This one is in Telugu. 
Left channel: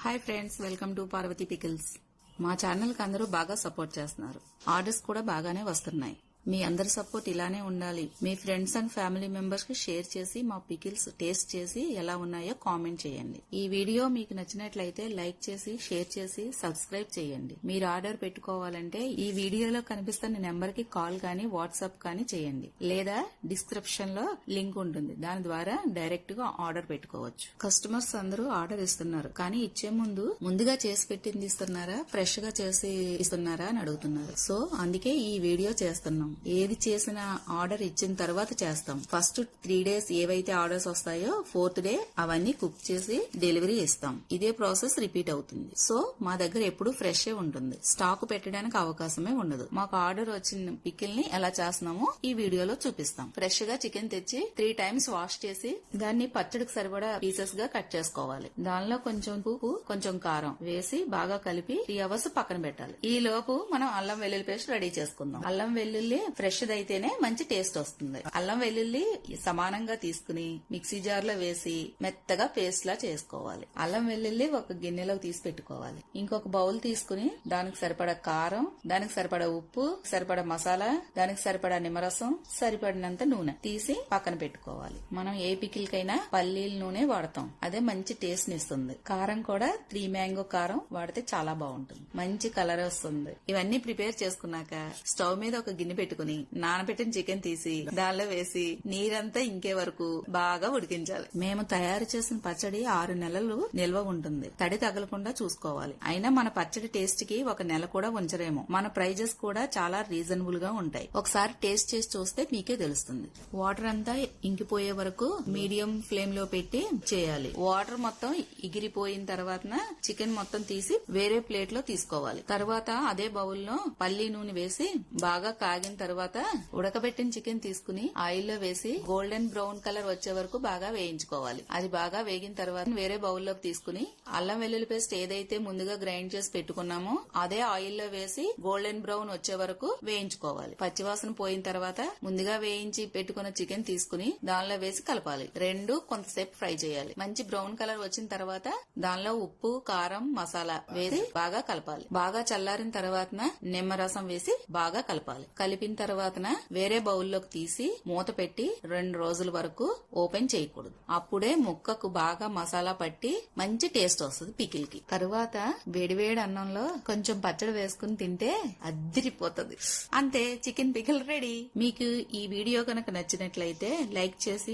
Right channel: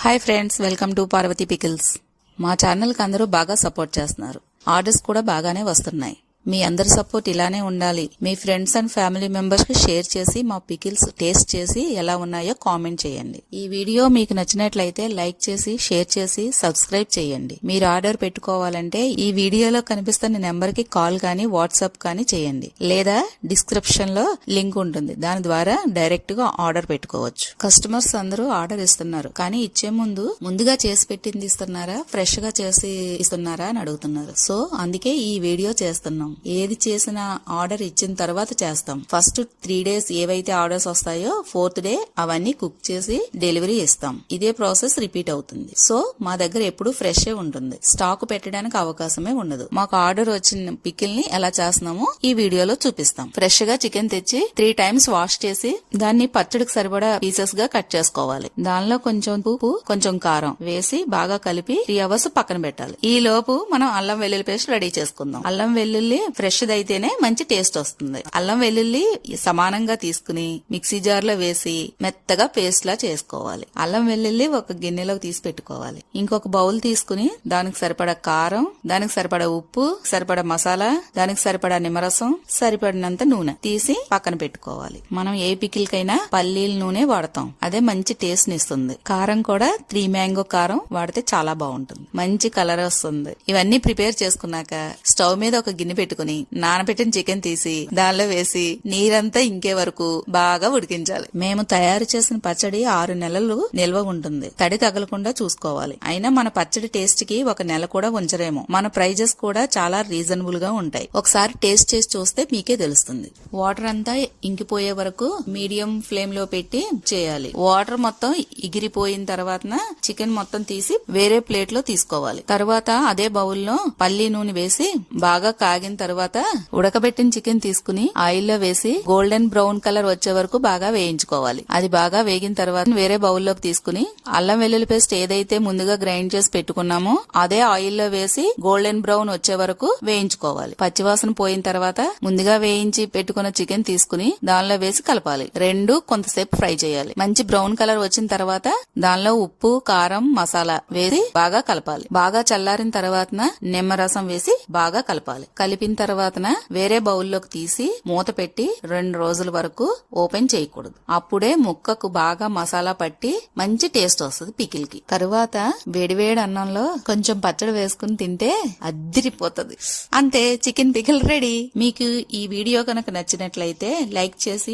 Hi friends, welcome to Parvati pickles. మా ఛానల్కి అందరూ బాగా సపోర్ట్ చేస్తున్నారు. ఆర్డర్స్ కూడా బాగానే వస్తున్నాయి. మీ అందరి సపోర్ట్ ఇలానే ఉండాలి. మీ ఫ్రెండ్స్ అండ్ ఫ్యామిలీ మెంబర్స్ కి షేర్ చేసి మా పికిల్స్ టేస్ట్ చేసి ఎలా ఉన్నాయో కామెంట్ చేయండి. ఈ వీడియో మీకు నచ్చినట్లయితే లైక్ చేసి షేర్ చేసి సబ్స్క్రైబ్ చేయండి. మీరు ఆర్డర్ పెట్టుకోవాలంటే ఈ వీడియోలో కనిపిస్తున్న నెంబర్ కి కాల్ కానీ వాట్సాప్ కానీ చేయండి, లేదా డిస్క్రిప్షన్ లో లింక్ ఉంటుంది, దాని ద్వారా డైరెక్ట్ గా ఆర్డర్ పెట్టుకోవచ్చు. కస్టమర్స్ అందరూ ఆర్డర్ ఇస్తున్నారు, కానీ ఇచ్చే ముందుగా చేసి పెట్టింది ఇస్తున్నారా, ఫ్రెష్ గా చేసి ఇస్తున్నారా అని అడుగుతున్నారు. సో అందుకే ఈ వీడియో చేస్తున్నాం. ఏది చేసినా ఆర్డర్ ఇచ్చిన తర్వాత చేస్తాం. ఫస్ట్ 3 days ఏవైతే ఆర్డర్స్ వస్తాయో 4th day అవన్నీ కుక్ చేసి డెలివరీ ఇస్తాం. ఇదే ప్రాసెస్ రిపీట్ అవుతుంది. సో మా దగ్గర ఎప్పుడు ఫ్రెష్ ఉంటుంది, స్టాక్ పెట్టడానికి అవకాశమే ఉండదు. మాకు ఆర్డర్ వచ్చిన పికిల్ ని ఎలా చేస్తున్నామో ఈ వీడియోలో చూపిస్తాం. ఫ్రెష్ గా చికెన్ తెచ్చి 3 times వాష్ చేసి దాన్ని పచ్చడికి సరిపడా పీసెస్ గా కట్ చేసుకోవాలి. దానిలో కొంచెం ఉప్పు, కొంచెం కారం వేసి బాగా కలిపి 3 hours పక్కన పెట్టాలి. ఈ లోపు మనం అల్లం వెల్లుల్లి పేస్ట్ రెడీ చేసుకుందాం. అల్లం వెల్లుల్లి ఫ్రెష్ అయితేనే మంచి టేస్ట్ వస్తుంది. అల్లం వెల్లుల్లి సమానంగా తీసుకుని మిక్సీ జార్ లో వేసి మెత్తగా పేస్ట్ లా చేసుకోవాలి. అల్లం వెల్లుల్లి ఒక గిన్నెలోకి తీసి పెట్టుకోవాలి. ఇంకొక బౌల్ తీసుకుని దానికి సరిపడా కారం, దానికి సరిపడా ఉప్పు, సరిపడా మసాలా, దానికి సరిపడా నిమ్మరసం, సరిపడినంత నూనె తీసి పక్కన పెట్టుకోవాలి. మనం ఏ పికిల్ కైనా పల్లీల నూనె వాడతాం, అదే మంచి టేస్ట్ ని ఇస్తుంది. కారం కూడా 3 mango కారం వాడితే చాలా బాగుంటుంది, మంచి కలర్ వస్తుంది. ఇవన్నీ ప్రిపేర్ చేసుకున్నాక స్టవ్ మీద ఒక గిన్నె పెట్టుకుని నానబెట్టిన చికెన్ తీసి దానిలో వేసి నీరంతా ఇంకే వరకు బాగా ఉడికించాలి. మేము తయారు చేసిన పచ్చడి 6 నెలలు నిల్వ ఉంటుంది. తడి తగలకుండా చూసుకోవాలి. అయినా మన పచ్చడి టేస్ట్ కి 1 నెల కూడా ఉంచరేమో. మన ప్రైజెస్ కూడా చాలా రీజనబుల్ గా ఉంటాయి. ఒకసారి టేస్ట్ చేసి చూస్తే మీకే తెలుస్తుంది. వాటర్ అంతా ఇంకిపోయే వరకు మీడియం ఫ్లేమ్ లో పెట్టి చేయాలి. వాటర్ మొత్తం ఎగిరిపోయిన తర్వాత చికెన్ మొత్తం తీసి వేరే ప్లేట్ లో తీసుకోవాలి. తర్వాత అదే బౌల్లో పల్లి నూనె వేసి బాగా కాగిన తర్వాత ఉడకబెట్టిన చికెన్ తీసుకుని ఆయిల్ లో వేసి గోల్డెన్ బ్రౌన్ కలర్ వచ్చే వరకు బాగా వేయించుకోవాలి. అది బాగా వేగిన తర్వాత వేరే బౌల్లోకి తీసుకుని అల్లం వెల్లుల్లి పేస్ట్ ఏదైతే ముందుగా గ్రైండ్ చేసి పెట్టుకున్నామో అదే ఆయిల్ లో వేసి గోల్డెన్ బ్రౌన్ వచ్చే వరకు వేయించుకోవాలి. పచ్చివాసన పోయిన తర్వాత ముందుగా వేయించి పెట్టుకున్న చికెన్ తీసుకుని దానిలో వేసి కలపాలి. రెండు కొంతసేపు ఫ్రై చేయాలి. మంచి బ్రౌన్ కలర్ వచ్చిన తర్వాత దానిలో ఉప్పు, కారం, మసాలా వేసి బాగా కలపాలి. బాగా చల్లారిన తర్వాత నిమ్మరసం వేసి బాగా కలపాలి. కలిపిన తర్వాత వేరే బౌల్లోకి తీసి మూత పెట్టి 2 రోజుల వరకు ఓపెన్ చేయకూడదు. అప్పుడే ముక్కకు బాగా మసాలా పట్టి మంచి టేస్ట్ వస్తుంది పికిల్ కి. తరువాత వేడివేడి అన్నంలో కొంచెం పచ్చడి వేసుకుని తింటే అద్దిరిపోతుంది. అంతే, చికెన్ పికిల్ రెడీ. మీకు ఈ వీడియో కనుక నచ్చినట్లయితే లైక్ చేసి